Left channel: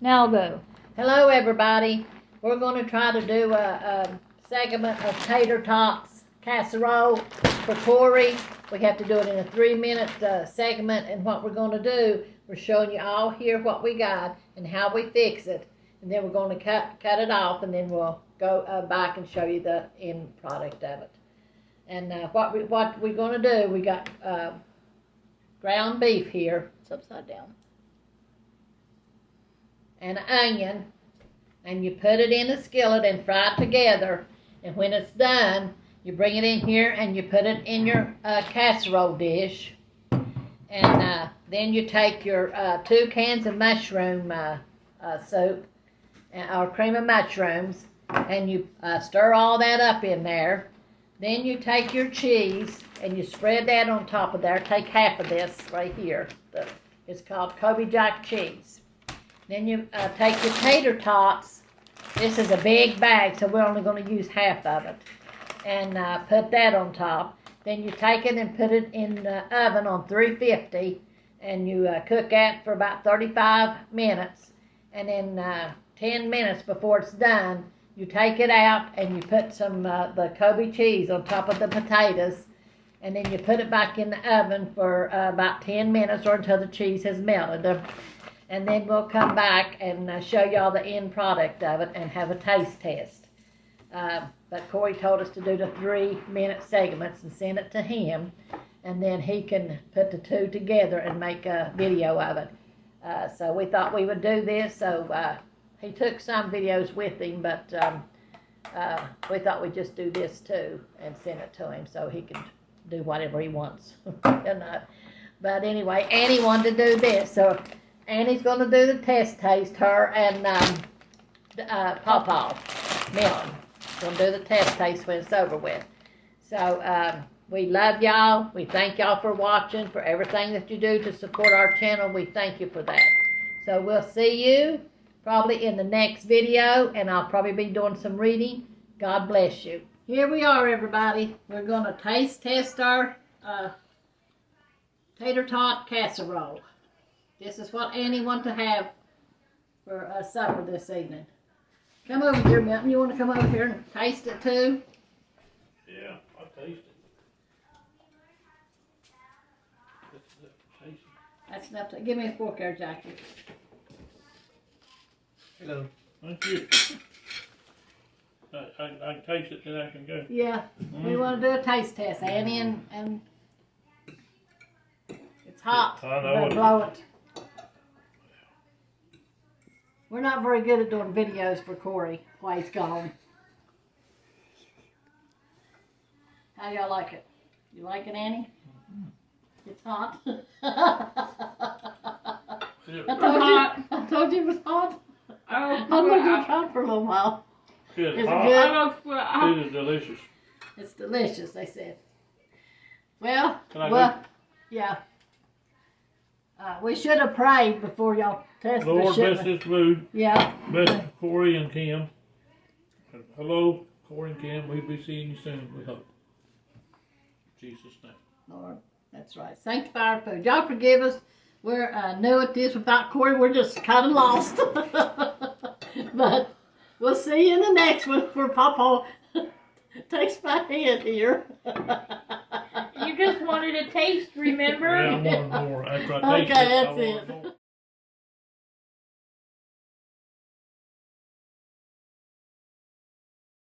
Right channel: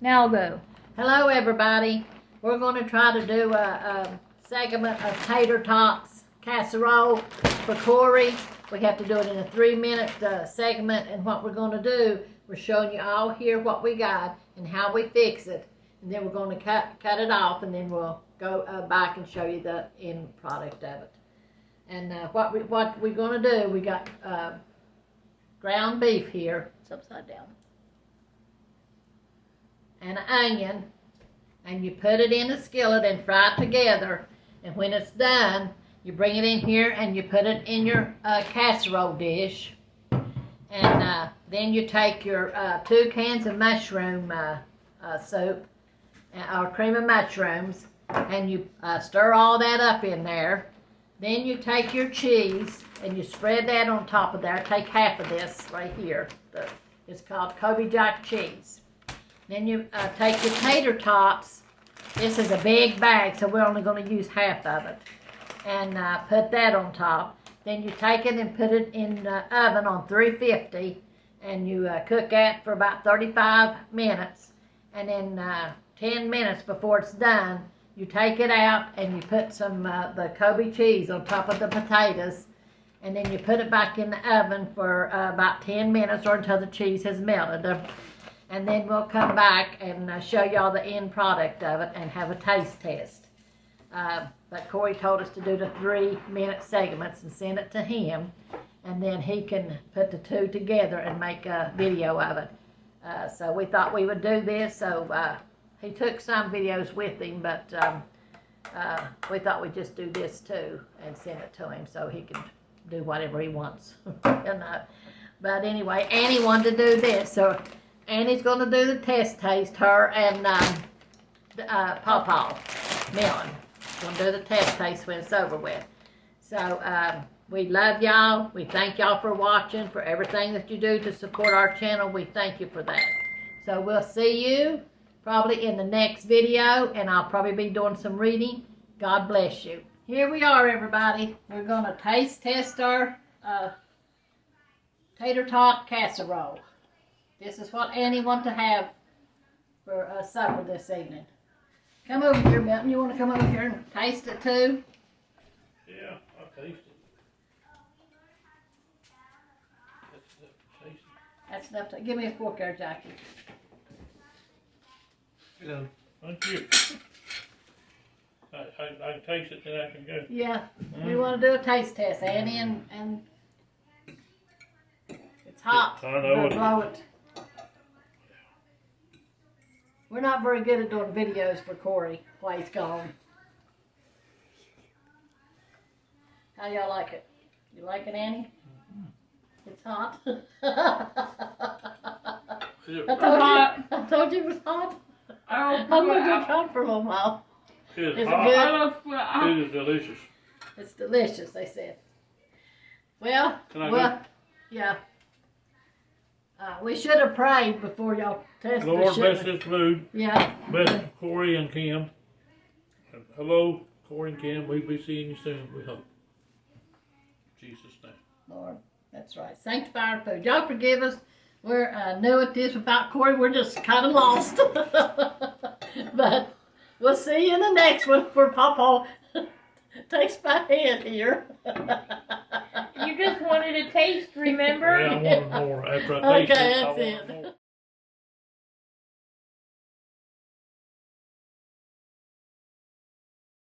Now go. Hello everybody. We're going to try to do a segment of tater tots casserole for Corey. We have to do it in a 3-minute segment, and what we're going to do, we're showing you all here what we got and how we fix it, and then we're going to cut it off, and then we'll go back and show you the end product of it. And what we're going to do, we got ground beef here. It's upside down. And an onion, and you put it in a skillet and fry it together, and when it's done you bring it in here and you put it in your casserole dish, and then you take your 2 cans of mushroom soup or cream of mushrooms, and you stir all that up in there. Then you take your cheese and you spread that on top of there. Take half of this right here. It's called Kobe Jack cheese. Then you take your tater tots. This is a big bag, so we're only going to use half of it. And put that on top. Then you take it and put it in the oven on 350. And you cook that for about 35 minutes. And then 10 minutes before it's done, you take it out and you put some the Kobe cheese on top of the potatoes. And then you put it back in the oven for about 10 minutes or until the cheese has melted. And then we'll come back and show y'all the end product of it and have a taste test. But Corey told us to do the 3-minute segments and send it to him, and then he can put the two together and make a video of it. So we thought we would do this. So he took some videos with him, but we thought we'd just do this too and send it to him so he can do whatever he wants. But anyway, Annie wanted to do this, so Annie's going to do the test taste, her and Pawpaw Melon. Going to do the test taste when it's over with. So we love y'all. We thank y'all for watching, for everything that you do to support our channel. We thank you for that. So we'll see you probably in the next video, and I'll probably be doing some reading. God bless you. Here we are, everybody. We're going to taste test our tater tot casserole. This is what Annie wants to have for supper this evening. Come over here, Milton. You want to come over here and taste it too? Yeah, I'll taste it. That's enough. Give me a fork there, Jackie. Hello. Thank you. I can taste it, then I can go. Yeah. We want to do a taste test, Annie, and it's hot. I know But blow it. We're not very good at doing videos for Corey while he's gone. How y'all like it? You like it, Annie? It's hot. I told you it was hot. I'm going to try it for a little while. It's Is it hot. good? It is delicious. It's delicious, they said. Well, yeah. We should have prayed before y'all tested the Lord, bless shipment. this food. Yeah. Bless Corey and Kim. And hello, Corey and Kim. We'll be seeing you soon, we hope. In Jesus' name. Lord, that's right. Sanctify our food. Y'all forgive us. We're new at this without Corey. We're just kind of lost. But we'll see you in the next one where Papa takes my hand here. You just wanted a taste, remember? Yeah, I wanted more. After I taste Okay, it, I that's want it. more.